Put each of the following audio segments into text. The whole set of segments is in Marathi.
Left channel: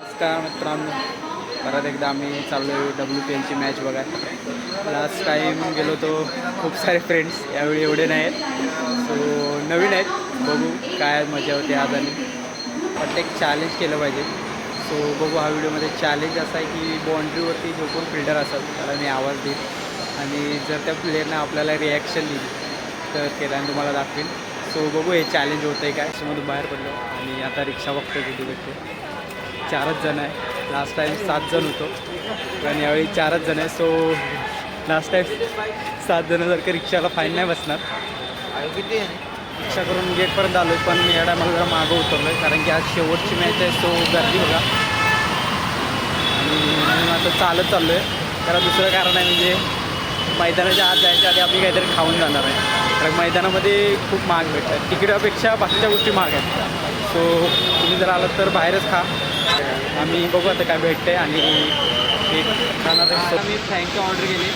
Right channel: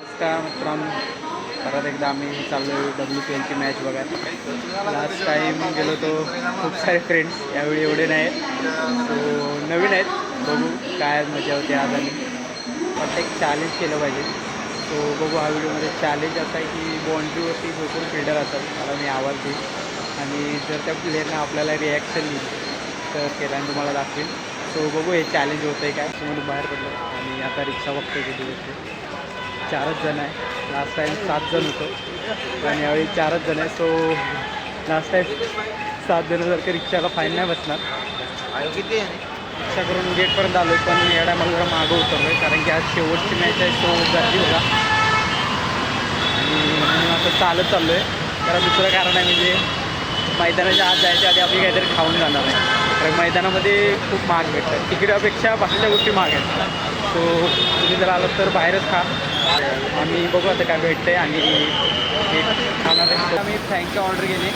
नमस्कार मित्रांनो, परत एकदा आम्ही चाललो आहे WPLची मॅच बघायला. लास्ट टाईम गेलो होतो, खूप सारे फ्रेंड्स, यावेळी एवढे नाही आहेत. सो नवीन आहेत, बघू काय मजा होते आज. आणि प्रत्येक चॅलेंज केलं पाहिजे. सो बघू हा व्हिडिओमध्ये चॅलेंज असा आहे की बाउंड्रीवरती जो कोण फिल्डर असेल त्याला मी आवाज देईन आणि जर त्या प्लेयरनं आपल्याला रिॲक्शन दिली तर त्याला तुम्हाला दाखवेन. सो बघू हे चॅलेंज होतं आहे काय. समोरून बाहेर पडलं आणि आता रिक्षा बघतो किती भेटते. 4च जण आहे. लास्ट टाईम 7 जण होतो, पण यावेळी 4च जण आहे. सो लास्ट टाईम 7 जण जर का रिक्षाला फाईन नाही बसणार. किती रिक्षा करून गेटपर्यंत आलो आहे, पण या टायमाला जरा मागं उतरलो आहे कारण की आज शेवटची मॅच आहे. सो गर्दी बघा. आणि म्हणून आता चालत चाललो आहे. त्याला दुसरं कारण आहे म्हणजे मैदानाच्या आत जायच्या आधी आम्ही काहीतरी खाऊन जाणार आहे, कारण मैदानामध्ये खूप महाग भेटतात. तिकिटापेक्षा बाकीच्या गोष्टी महाग आहेत. सो तुम्ही जर आलात तर बाहेरच खा. आम्ही बघू आता काय भेटतं आहे आणि ते खाणार आहे. आम्ही फ्रँकी ऑर्डर केली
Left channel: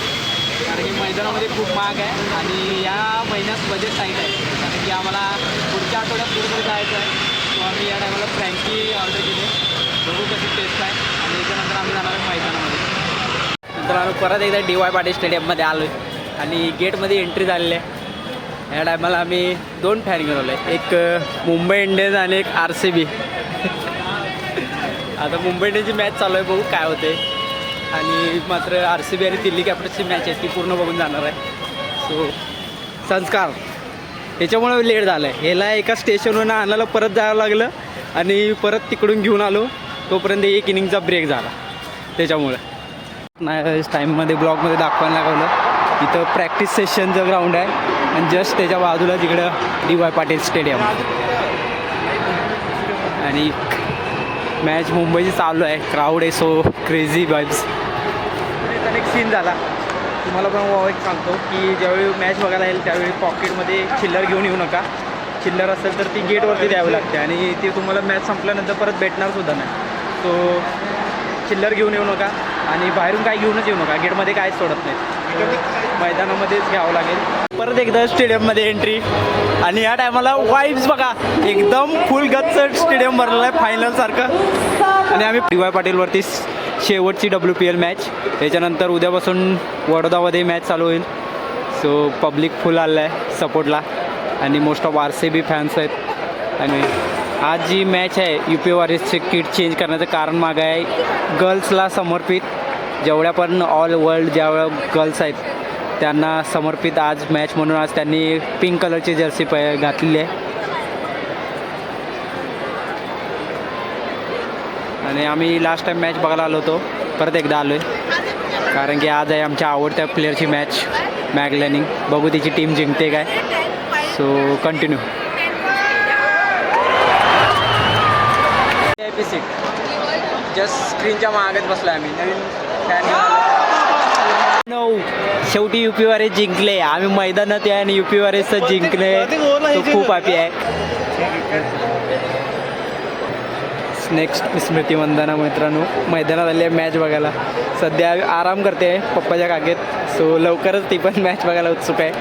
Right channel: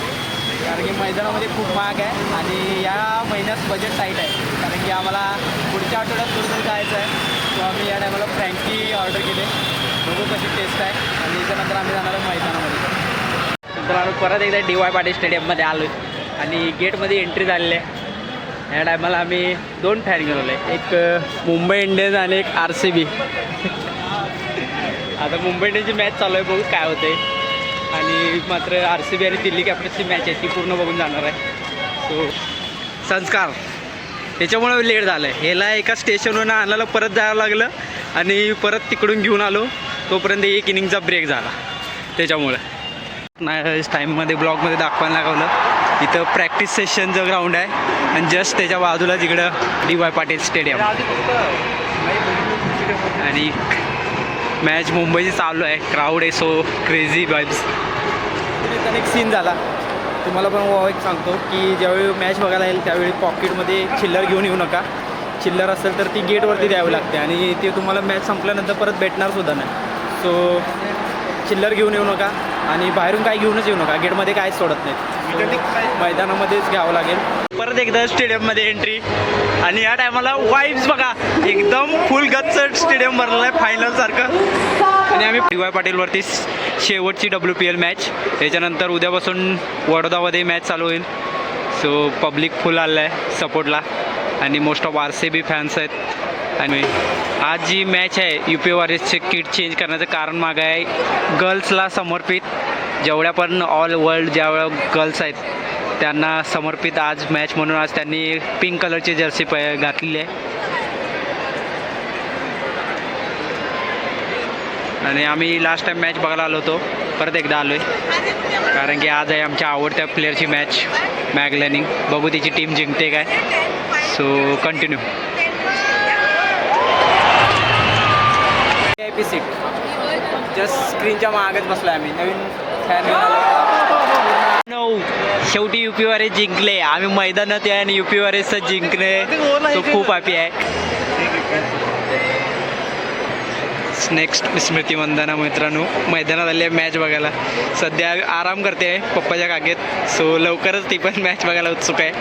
कारण की मैदानामध्ये खूप महाग आहे आणि या महिन्यात बजेट टाईट आहे, कारण की आम्हाला पुढच्या आठवड्यात कुठेतरी जायचं आहे. सो आम्ही या टायमाला फ्रँकी ऑर्डर केली. बघू कशी टेस्ट आहे आणि त्यानंतर आम्ही जाणार आहे मैदानामध्ये. नंतर आम्ही परत एकदा DY पाटील स्टेडियममध्ये आलो आहे आणि गेटमध्ये एंट्री झालेली आहे. या टायमाला आम्ही 2 फॅन घेऊन आहे, एक मुंबई इंडियन्स आणि एक RCB. आता मुंबई इंडियन्सची मॅच चालू आहे, बघू काय होते. आणि मात्र RCB आणि दिल्ली कॅपिटल्सची मॅच आहे, ती पूर्ण बघून जाणार आहे. सो संस्कार त्याच्यामुळे लेट झालं आहे. ह्याला एका स्टेशनवरून आणायला परत जावं लागलं आणि परत तिकडून घेऊन आलो, तोपर्यंत एक इनिंगचा ब्रेक झाला. त्याच्यामुळं नाही टाईममध्ये ब्लॉगमध्ये दाखवायला लागवलं. इथं प्रॅक्टिस सेशनचं ग्राउंड आहे आणि जस्ट त्याच्या बाजूला तिकडं DY पाटील स्टेडियम. आणि मॅच मुंबईची चालू आहे, क्राऊड आहे, सो क्रेझी वाईब्स. एक सीन झाला तुम्हाला पण एक सांगतो की ज्यावेळी मॅच बघायला येईल त्यावेळी पॉकेटमध्ये चिल्लर घेऊन येऊ नका. चिल्लर असेल तर ती गेटवरती द्यावी लागते आणि ते तुम्हाला मॅच संपल्यानंतर परत भेटणारसुद्धा नाही. सो चिल्लर घेऊन येऊ नका आणि बाहेरून काय घेऊनच येऊ नका. गेटमध्ये काहीच सोडत नाही, मैदानामध्येच घ्यावं लागेल. परत एकदा स्टेडियममध्ये एंट्री आणि या टायमाला वाईब्स बघा, एकदम फुल गच्च स्टेडियम भरलेलं आहे फायनलसारखं. आणि आम्ही DY पाटीलवरती शेवटची WPL मॅच, त्याच्यानंतर उद्यापासून वडोदामध्ये मॅच चालू होईल. सो पब्लिक फुल आलं आहे सपोर्टला आणि मोस्ट ऑफ RCB फॅन्स आहेत. आणि आज जी मॅच आहे UP वॉरियर्सचे किट चेंज करण्याचं कारण मागं आहे गर्ल्सला समर्पित. जेवढ्या पण ऑल वर्ल्ड ज्यावेळा गर्ल्स आहेत त्यांना समर्पित आज मॅच म्हणून आज त्यांनी पिंक कलरची जर्सी घातलेली आहे. आणि आम्ही लास्ट टाईम मॅच बघायला आलो होतो, परत एकदा आलो आहे कारण की आज आहे आमच्या आवडत्या प्लेअरची मॅच, मॅगलॅनिंग. बघू तिची टीम जिंकते काय. So continue. VIP seat just स्क्रीनच्या मागच बसलो आहे आम्ही. नवीन फॅन घेऊन आलो. शेवटी UP वॉरियर्स जिंकले. आम्ही मैदानात आहे आणि UP वॉरियर्सचं जिंकले, तो खूप हॅपी आहे. नेक्स्ट स्मृती मंदाना मित्रांनो मैदानात आली आहे मॅच बघायला. सध्या आराम करते पप्पाच्या कागेत. सो लवकरच ती पण मॅच बघायला उत्सुक आहे.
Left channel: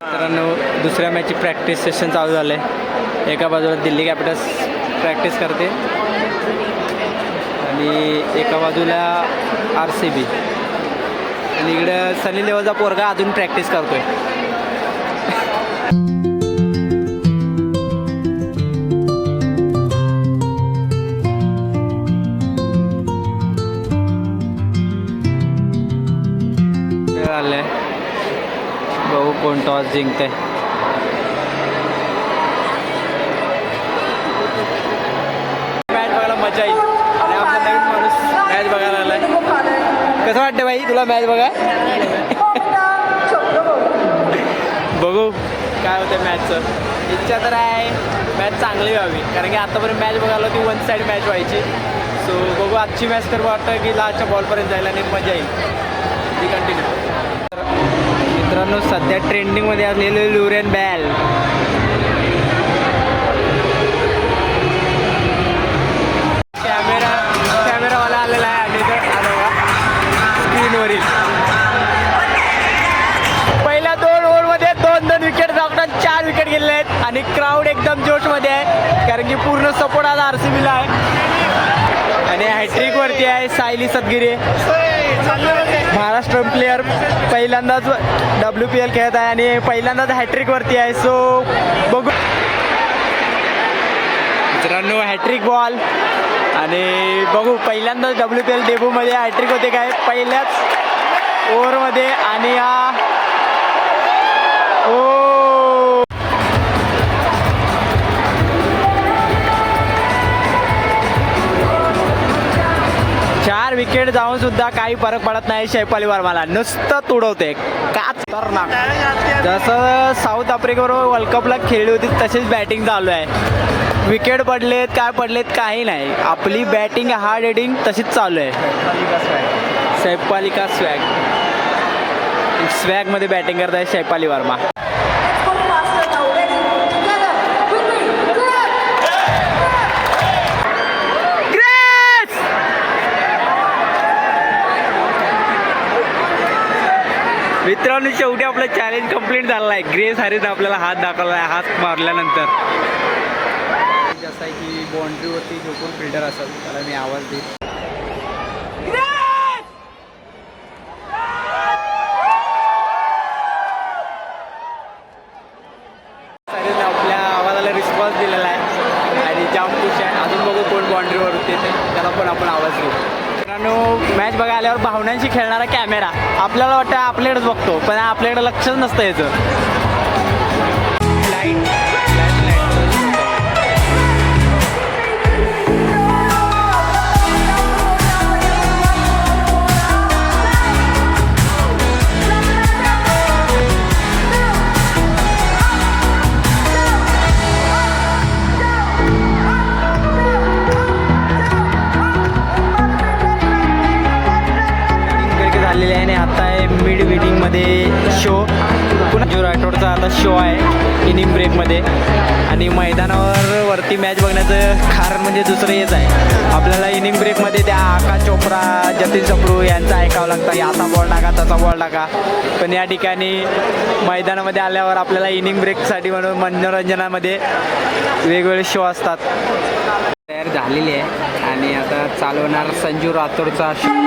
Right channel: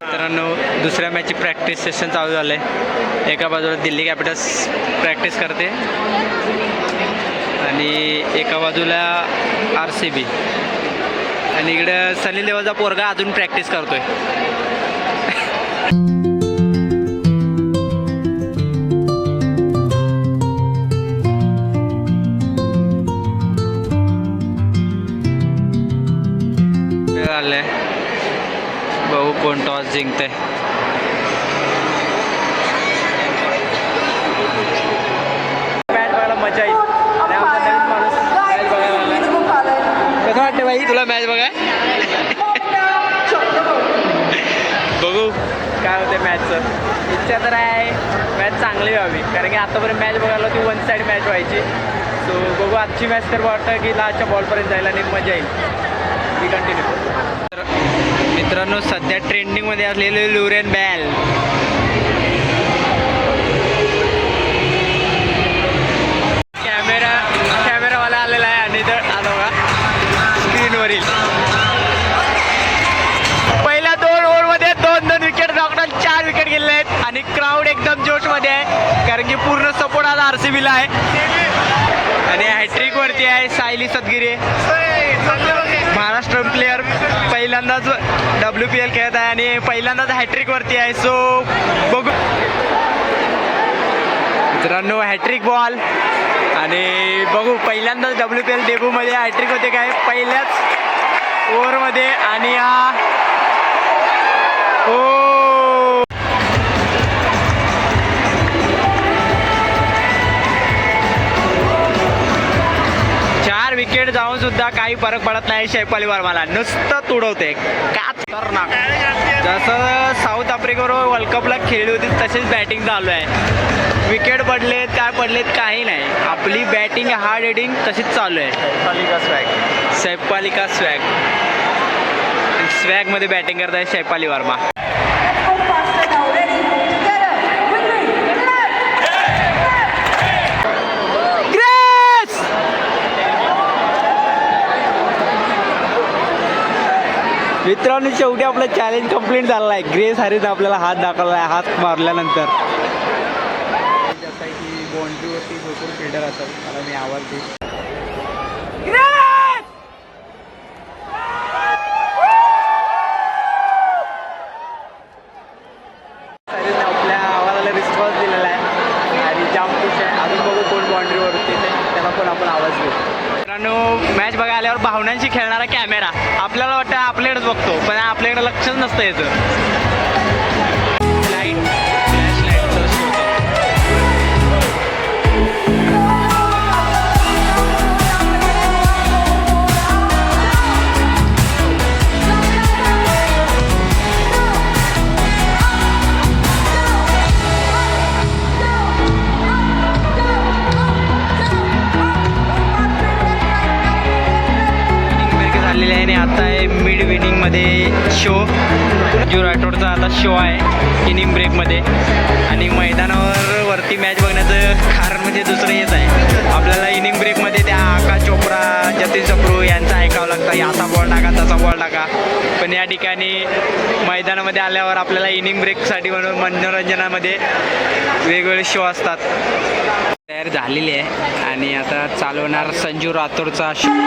मित्रांनो दुसऱ्या मॅचची प्रॅक्टिस सेशन चालू झालं आहे. एका बाजूला दिल्ली कॅपिटल्स प्रॅक्टिस करते आणि एका बाजूला RCB आणि इकडं सनी लेवलचा पोरगा अजून प्रॅक्टिस करतोय. आलंय बघू कोण टॉस जिंकतंय. मॅच बघायला मजा येईल आणि आमचा नवीन माणूस मॅच बघायला आलाय. कसं वाटतं भाई तुला मॅच बघाय? बघू काय होतं मॅचचं. इच्छा तर आहे मॅच चांगली व्हावी, कारण की आतापर्यंत मॅच बघायला ती 1 साईड मॅच व्हायची. सो बघू आजची मॅच तर वाटतं की लास्टच्या बॉलपर्यंत जायला आणि मजा येईल. ती कंटिन्यू. तर मित्रांनो सध्या ट्रेंडिंगमध्ये असलेले ल्युरेन बॅल कॅमेरावाला आलेला आहे आणि तर आलो का स्क्रीनवरील पहिल्या 2 ओव्हरमध्ये 2 2 विकेट टाकून 4 विकेट गेलेले आहेत आणि क्राऊड एकदम जोशमध्ये आहे कारण की पूर्ण सपोर्ट आज RCBला आहे. आणि हॅट्रिक वरती आहे सायली सदगिरे, महाराष्ट्र प्लेयर, पहिल्यांदाच WPL खेळत आहे आणि पहिल्यांदाच हॅट्रिक वरती आहे. सो बघू मित्रांनो हॅट्रिक बॉल आणि बघू पहिल्यांदाच WPL डेब्यूमध्ये हॅट्रिक होते काय पहिल्याच ओव्हरमध्ये. आणि ओ 4 विकेट जाऊन सुद्धा काही फरक पडत नाही. शैफाली वर्माला नुसतं तुडवते का खतरनाक. जसं साऊथ आफ्रिकेबरोबर वर्ल्ड कपला खेळली होती तशीच बॅटिंग चालू आहे. विकेट पडलेत काय पडलेत काही नाही, आपली बॅटिंग हार्ड हिटिंग तशीच चालू आहे. शैफाली का स्वॅगमध्ये बॅटिंग करत आहे शैफाली वर्मा. मित्रांनो शेवटी आपलं चॅलेंज कंप्लीट झालेलं आहे. ग्रेस हॅरिस आपल्याला हात दाखवला आहे. हात मारल्यानंतर जसं की बाउंड्रीवरती झोपून फिल्डर असेल त्याला मी आवाज देईन. हॅरिसने आपल्या आवाजाला रिस्पॉन्स दिलेला आहे आणि जाम खुश आहे. अजून बघू कोण बाउंड्रीवरती त्याला पण आपण आवाज देऊ. मित्रांनो मॅच बघायला आल्यावर भावनांशी खेळणारा कॅमेरा आपल्याला वाटतं आपल्याकडेच बघतो पण आपल्याकडे लक्षच नसतं याचं. झालेले आहे आणि आता आहे मिड विनिंगमध्ये शो. जो राठोडचा आता शो आहे इनिंग ब्रेकमध्ये. आणि मैदानावर वरती मॅच बघण्याचं कारण म्हणजे दुसरं हेच आहे, आपल्याला इनिंग ब्रेकमध्ये त्या आकाश चोप्रा, जतीन सप्रू यांचं ऐकावं लागतं, असा बॉल टाका तसा बॉल टाका. पण या ठिकाणी मैदानामध्ये आल्यावर आपल्याला इनिंग ब्रेकसाठी म्हणून मनोरंजनामध्ये वेगवेगळे शो असतात. तयार झालेली आहे आणि आता चालवणार संजू राठोडचा शो.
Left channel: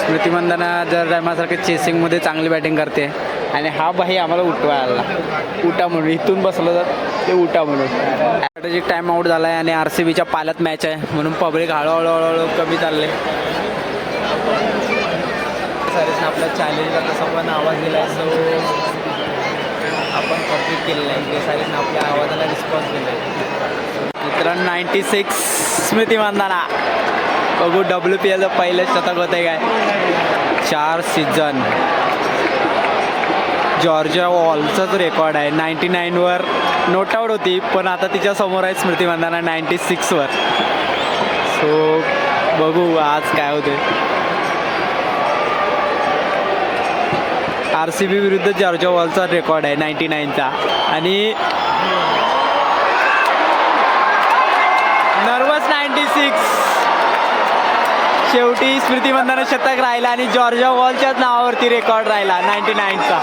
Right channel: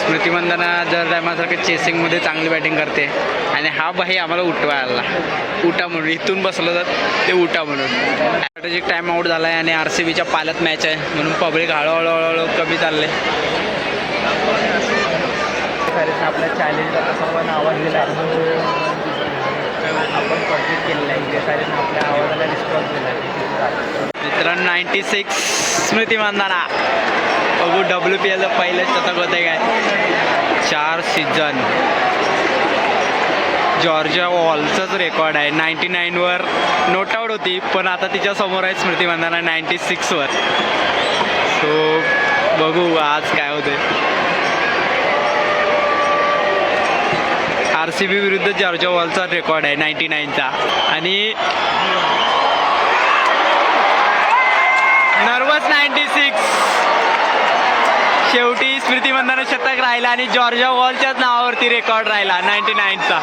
स्मृती मंदाना दर टायमासारखं चेसिंगमध्ये चांगली बॅटिंग करते आणि हा बाई आम्हाला उठवायला उठा म्हणून इथून बसलं जात ते उठा म्हणून. स्ट्रॅटेजिक टाईम आऊट झाला आहे आणि RCBच्या पाल्यात मॅच आहे म्हणून पब्लिक हळूहळू कमी चालले. सारेसने आपल्या चॅलेंजला तसा पण आवाज दिला आहे, सो आपण कम्प्लीट केलेलं आहे. जे सारेसने आपल्या आवाजाला रिस्पॉन्स दिला आहे. मित्रांनो 96 स्मृती मंदाना. बघू WPLचं पहिलं शतक होतं आहे काय. 4 सीझन जॉर्जिया वॉलचाच रेकॉर्ड आहे. 99वर नोट आऊट होती पण आता तिच्या समोर आहे स्मृती मंदाना 96वर. सो बघू आज काय होते. RCB विरुद्ध जॉर्जा वॉलचा रेकॉर्ड आहे 99चा. आणि नर्वस 96. शेवटी स्मृती मंदाना शतक राहिला आणि जॉर्जा वॉलच्याच नावावरती रेकॉर्ड राहिला 99चा.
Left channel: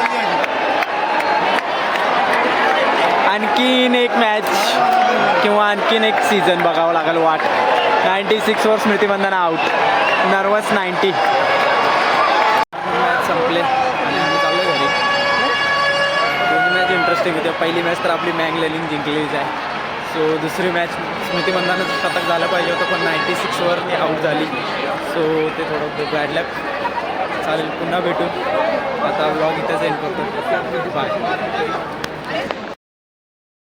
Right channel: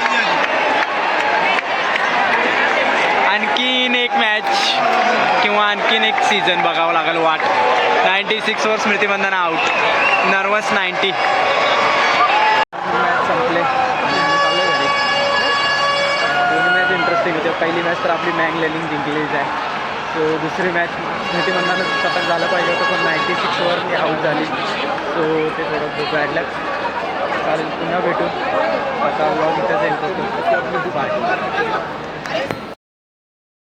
आणखीन एक मॅच किंवा आणखीन एक सीझन बघावं लागेल वाट. 96वर Smriti Mandhana out. Nervous 90. Match संपले आणि आम्ही चाललो घरी. दोन्ही मॅच इंटरेस्टिंग होते. पहिली मॅच तर आपली मँग लेलिंग जिंकलेलीच आहे. सो दुसरी मॅच स्मृती मंदाना शतक झालं पाहिजे होतं पण 96वर आऊट झाली. सो ते थोडं बॅड लक. चालेल पुन्हा भेटू. आता व्लॉग इथेच एंड करतो. बाय.